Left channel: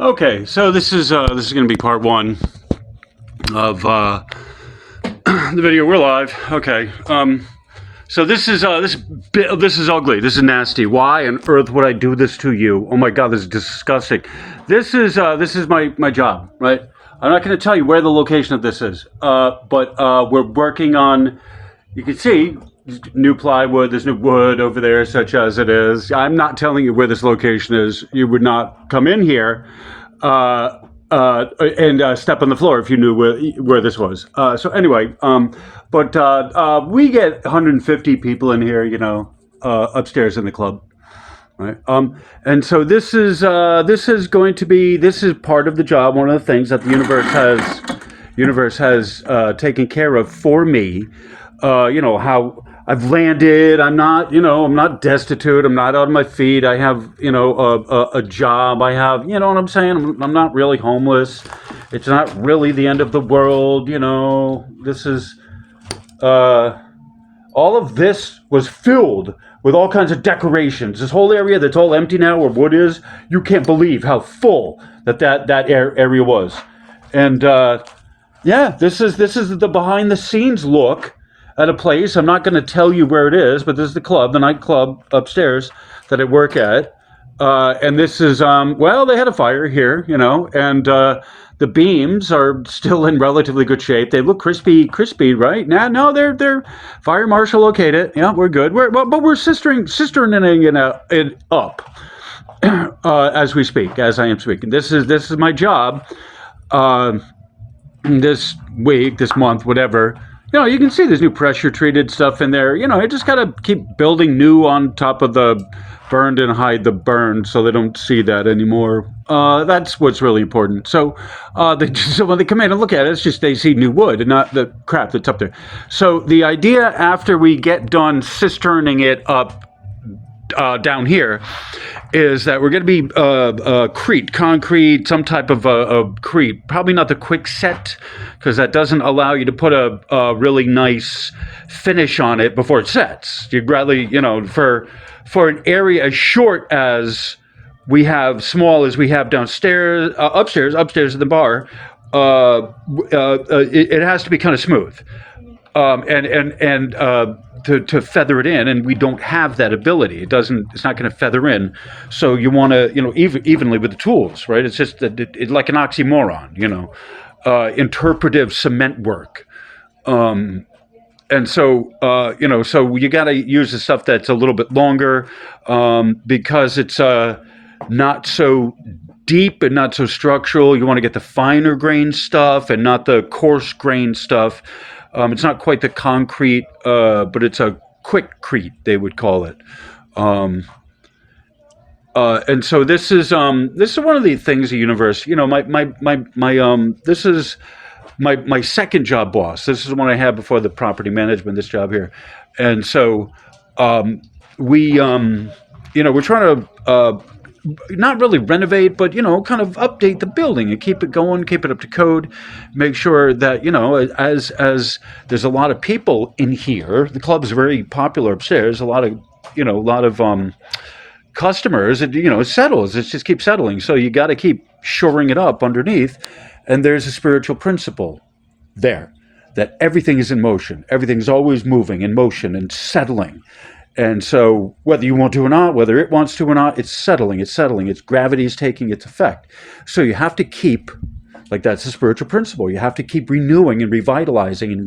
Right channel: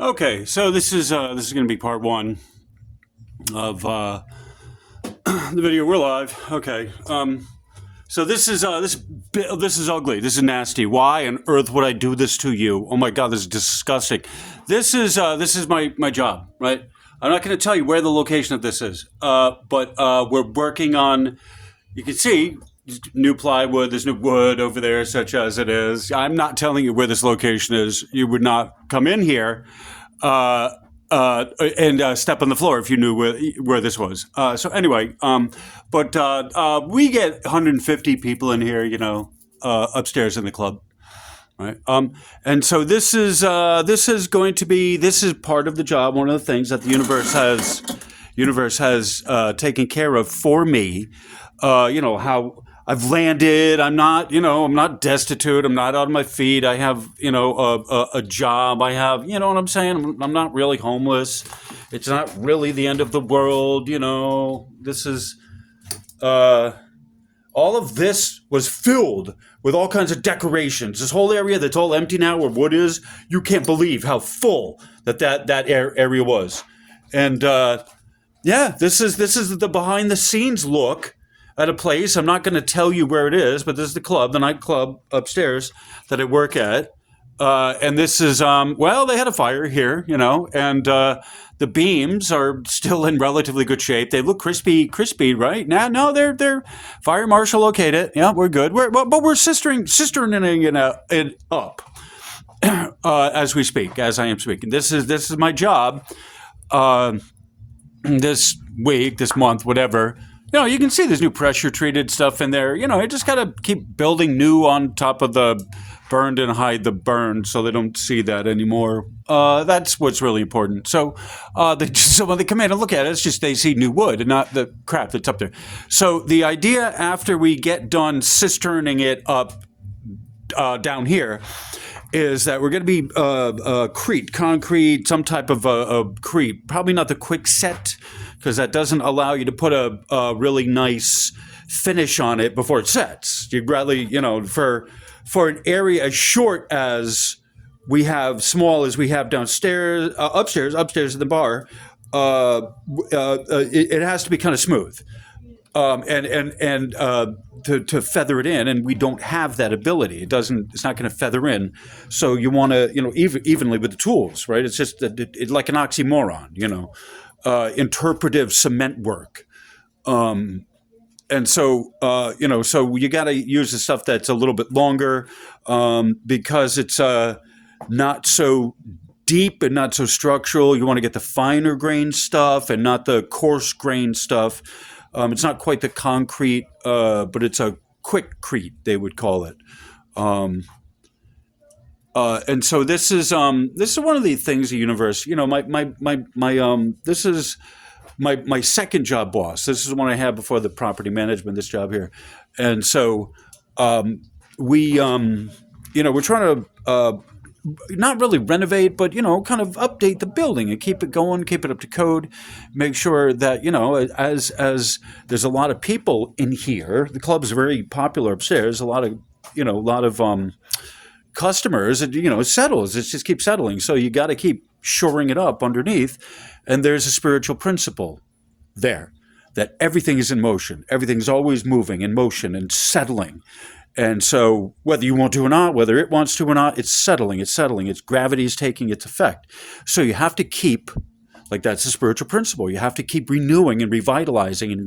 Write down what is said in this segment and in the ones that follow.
Okay, so this is going to be part one of the video. We're live. Okay. So this is ugly. This is nasty. Why on earth would I do this to you? Oh my God, this is disgusting. This is my job, right? I'm not going to tell you where the location of this is, but we're working on. You can see new plywood. There's new wood over there, such as it is. I'm not telling you where this location is. You would not come in here and step on the floor if you knew where this was. So anyway, but we get 150 people in here, upstairs in the club. Right. And so this is part of the job. One of the things that the universe has taken care of for me. How I've landed. I'm not destitute. I'm not out on my feet. I have, a job. I have, you know what I'm saying? I'm not really homeless. It's not really the end of the world. This is, all of this was filled with all kinds of decorations. This whole area that's all empty now where wood is, you can't believe how full that area was. And, this is the behind the scenes look at a place. I'm not going to tell you where it is, but this is the nightclub upstairs that I work at. And this is, they had a fire here, and the beams are still in relatively good shape. They look crispy, right? No, they're fire marshal okayed it. Yeah, we're good. But we're sisterning it up as we speak, as I am speaking. This is my job. This week, this month, whatever. You can see there's new pressure treated stuff in there. You just got to keep building new on top of the burned and hide the burned so they don't see that anymore. That's what's really important. So, so when they come in and look at it, it's just they see new wood and not the crap that's up there. So the idea after we get done cisterning it up down here is that we're going to be concrete, some type of crete. Probably not the quick set, because that doesn't allow you to put a really nice finish on it before it sets. You'd rather, for an area as short as we have, small as we have downstairs, upstairs at the bar, it has to be kind of smooth. To feather it in, and we don't have that ability. It's not going to feather in. So you want to, evenly with the tools, right? It's just it's like an oxymoron, interpretive cement work. And so, so you got to use the stuff that's a little bit longer, because it's not so deep and not so structural. You want to get the finer grain stuff and not the coarse grain stuff. It's not quite the concrete, but it's a quickcrete, they would call it. And so this is one of the things the universe, this is my second job boss. This is the one I had before the property management, this job here. And so we're trying to not really renovate, but, kind of update the building and keep it going, keep it up to code, make sure that, as there's a lot of people in here, the club's very popular upstairs, a lot of customers, it settles, it just keeps settling. So you got to keep shoring it up underneath. And there's a spiritual principle there that everything is in motion. Everything's always moving in motion and settling. And so whether you want to or not, whether it wants to or not, it's settling. Its gravity is taking its effect. So you have to keep, that's a spiritual principle. You have to keep renewing and revitalizing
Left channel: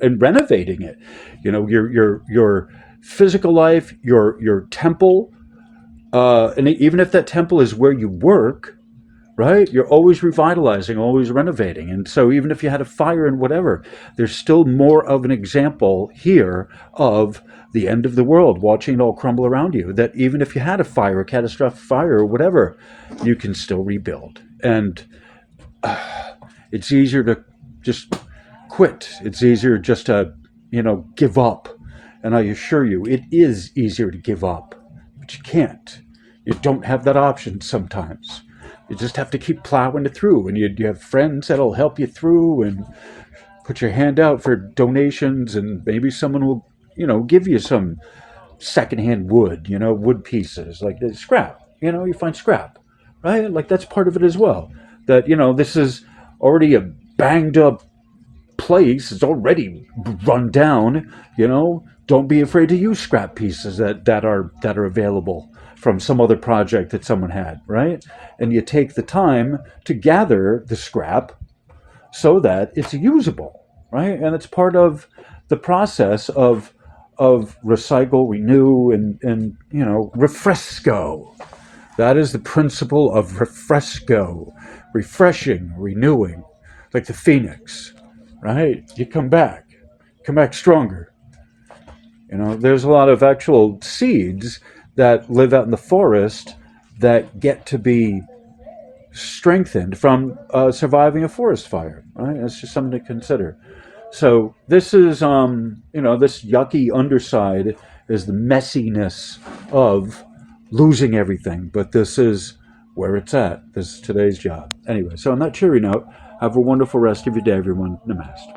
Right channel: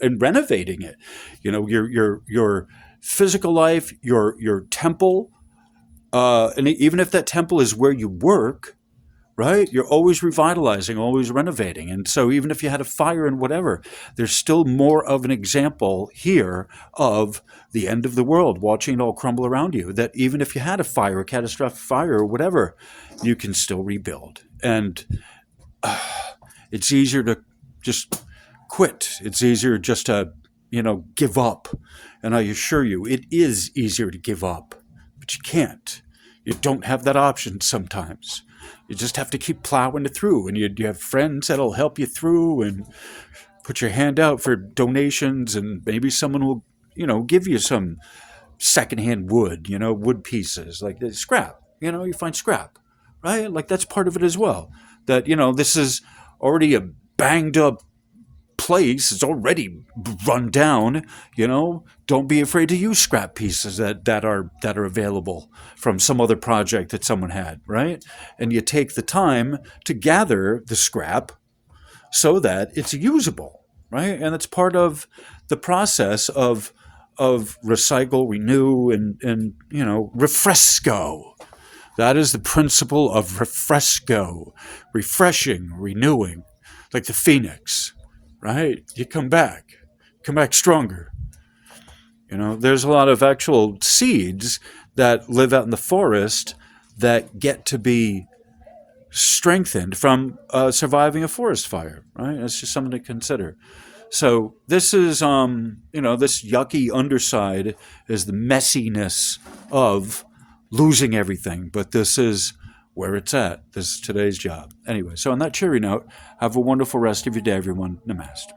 and renovating it. Your physical life, your temple, and even if that temple is where you work, right? You're always revitalizing, always renovating. And so even if you had a fire and whatever, there's still more of an example here of the end of the world, watching it all crumble around you, that even if you had a fire, a catastrophic fire or whatever, you can still rebuild. And it's easier to just quit. It's easier just to, give up. And I assure you, it is easier to give up, but you can't. You don't have that option sometimes. You just have to keep plowing it through, and you have friends that'll help you through and put your hand out for donations, and maybe someone will, give you some secondhand wood, wood pieces, like scrap. You find scrap, right? Like that's part of it as well. That, this is already a banged up place. It's already run down. Don't be afraid to use scrap pieces that are available from some other project that someone had, right? And you take the time to gather the scrap so that it's usable, right? And it's part of the process of recycle, renew, and refresco. That is the principle of refresco, refreshing, renewing, like the phoenix, right? You come back stronger. There's a lot of actual seeds that live out in the forest that get to be strengthened from surviving a forest fire, right? It's just something to consider. So this is, this yucky underside is the messiness of losing everything, but this is where it's at. This is today's job. Anyway, so on that cheery note, have a wonderful rest of your day, everyone. Namaste.